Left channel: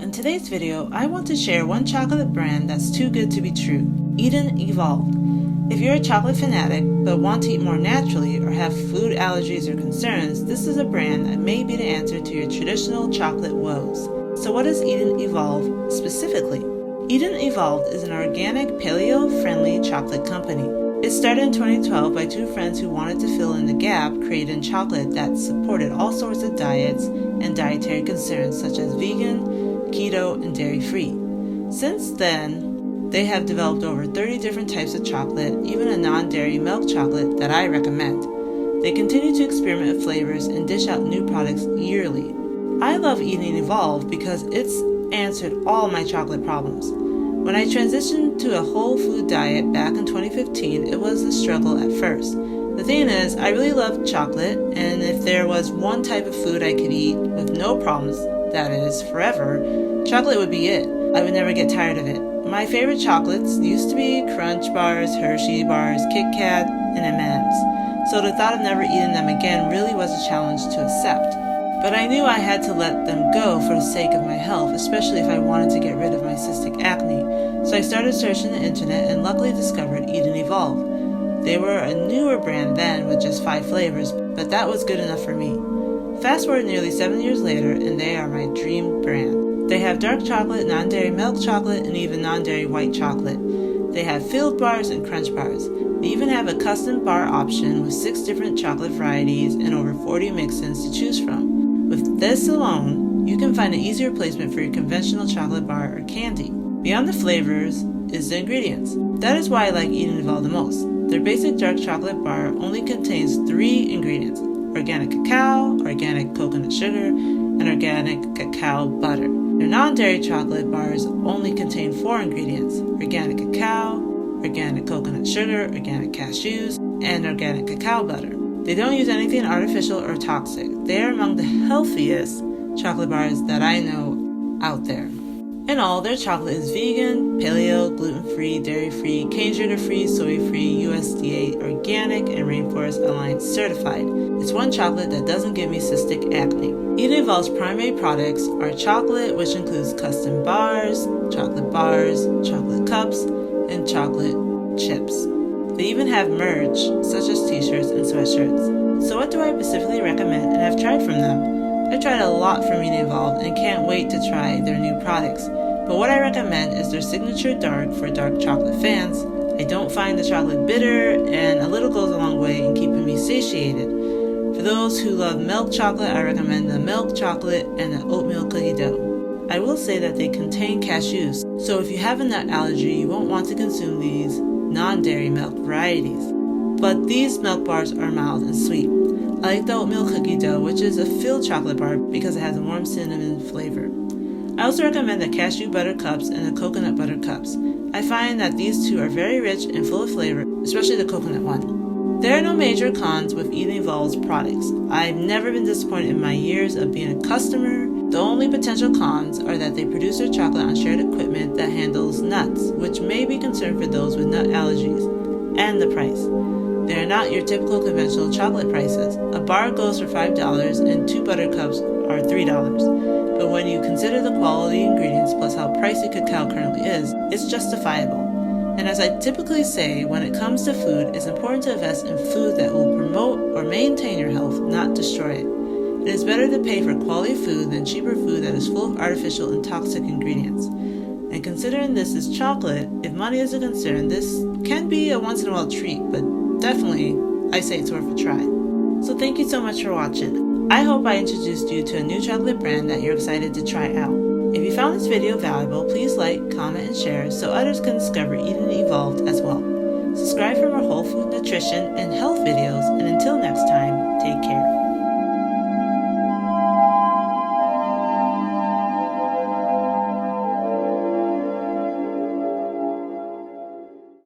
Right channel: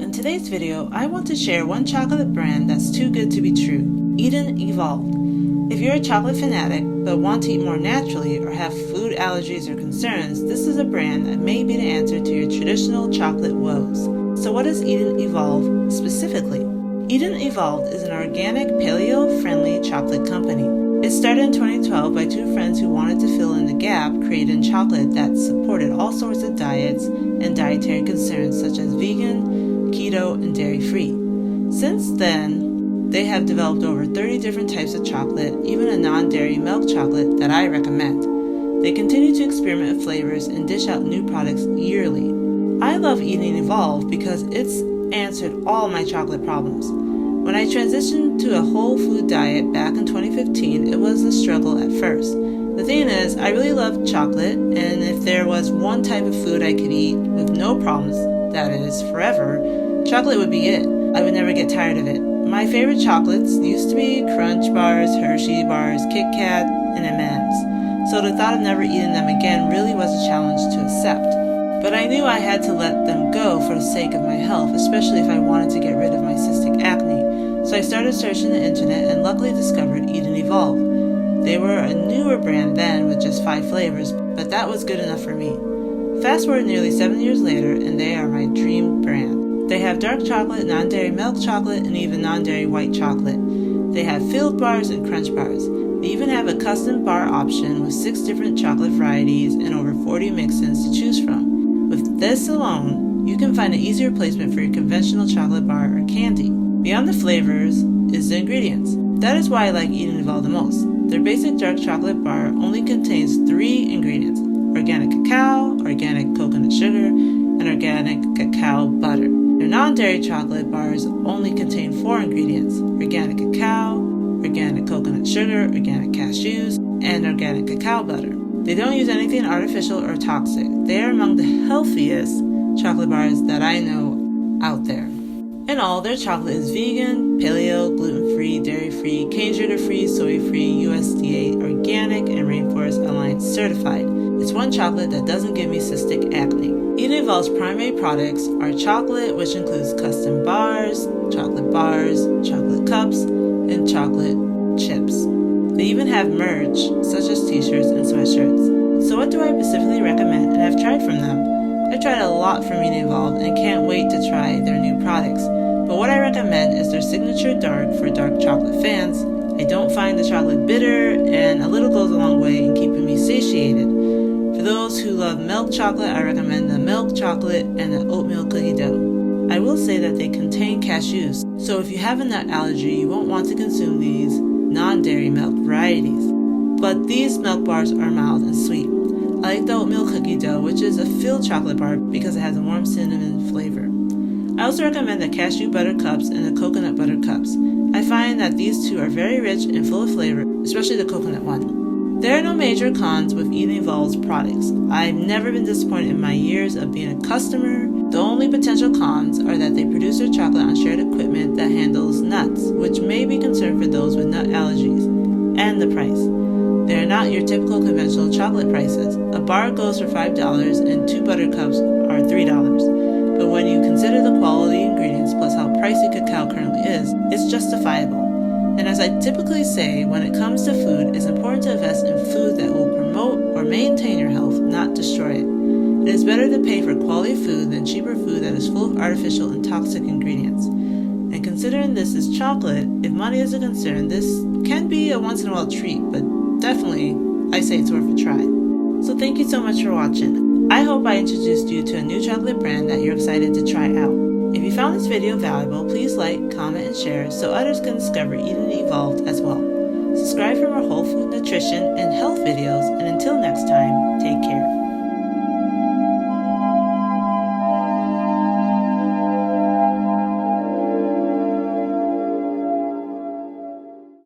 in today's video, I want to share one chocolate brand that's too good to be true, Eden Evolved. If you're a chocolate fanatic but want to eat more naturally or have food allergies or concerns, this is a brand that may be the answer to your traditional chocolate woes. So what is Eden Evolved specifically? Eden Evolved is an organic, paleo-friendly chocolate company. It started in 2012 by two friends who wanted to fill in the gap created in chocolate that supported all sorts of diets and dietary concerns such as vegan, keto, and dairy-free. Since then, they have developed over 30 different types of chocolate, even a non-dairy milk chocolate that I recommend. They continue to experiment with flavors and dish out new products yearly. I love Eden Evolved because it's answered all my chocolate problems. When I transitioned to a whole food diet back in 2015, it was a struggle at first. The thing is, I really love chocolate, and if there was one type of food I could eat with no problems, that is, forever, chocolate would be it. I would never get tired of it. My favorite chocolates used to be Crunch bars, Hershey bars, Kit Kat, and M&Ms. So the thought of never eating them again really was a challenge to accept. But I knew I had to let them go for the sake of my health, especially if I wanted to get rid of my cystic acne. So I started searching the internet and luckily discovered Eden Evolved. They were a newer brand then with just 5 flavors, but that was good enough for me. Fast forward nearly 7 years later and they are my dream brand. They have dark chocolate, non-dairy milk chocolate, and even non-dairy white chocolate. They have filled bars and crunch bars. They even have a custom bar option with 6 different chocolate varieties and over 40 mix-ins to choose from. With this alone, you can find an easy replacement for your conventional chocolate bar or candy. Beyond the flavors is the ingredients. That is why I like Eden Evolved the most. Their basic dark chocolate bar only contains 3 ingredients: organic cacao, organic coconut sugar, and organic cacao butter. Their non-dairy chocolate bars only contain 4 ingredients: organic cacao, organic coconut sugar, organic cashews, and organic cacao butter. They don't use anything artificial or toxic. They are among the healthiest chocolate bars that I know out there. In all, their chocolate is vegan, paleo, gluten-free, dairy-free, cane sugar-free, soy-free, USDA organic, and Rainforest Alliance certified. It's one chocolate that doesn't give me cystic acne. Eden Evolved's primary products are chocolate, which includes custom bars, chocolate cups, and chocolate chips. They even have merch, such as t-shirts and sweatshirts. So what do I specifically recommend and have tried from them? I've tried a lot from Eden Evolved and can't wait to try their new products. But what I recommend is their signature dark for dark chocolate fans. I don't find the chocolate bitter, and a little goes a long way in keeping me satiated. For those who love milk chocolate, I recommend the milk chocolate and the oatmeal cookie dough. I will say that they contain cashews, so if you have a nut allergy, you won't want to consume these non-dairy milk varieties. But these milk bars are mild and sweet. I like the oatmeal cookie dough, which is a filled chocolate bar because it has a warm cinnamon flavor. I also recommend the cashew butter cups and the coconut butter cups. I find that these two are very rich and full of flavor, especially the coconut one. There are no major cons with Eden Evolved's products. I've never been disappointed in my years of being a customer. The only potential cons are that they produce their chocolate on shared equipment that handles nuts, which may be concerned for those with nut allergies, and the price. They are not your typical conventional chocolate prices. A bar goes for $5 and 2 butter cups are $3. But when you consider the quality ingredients plus how pricey cacao currently is, it's justifiable. And as I typically say, when it comes to food, it's important to invest in food that will promote or maintain your health, not destroy it. It is better to pay for quality food than cheaper food that is full of artificial and toxic ingredients. And considering this is chocolate, if money is a concern, this can be a once-in-a-while treat, but definitely, I say it's worth a try. So thank you so much for watching. I hope I introduced you to a new chocolate brand that you're excited to try out. If you found this video valuable, please like, comment, and share so others can discover Eden Evolved as well. Subscribe for more whole food nutrition and health videos, and until next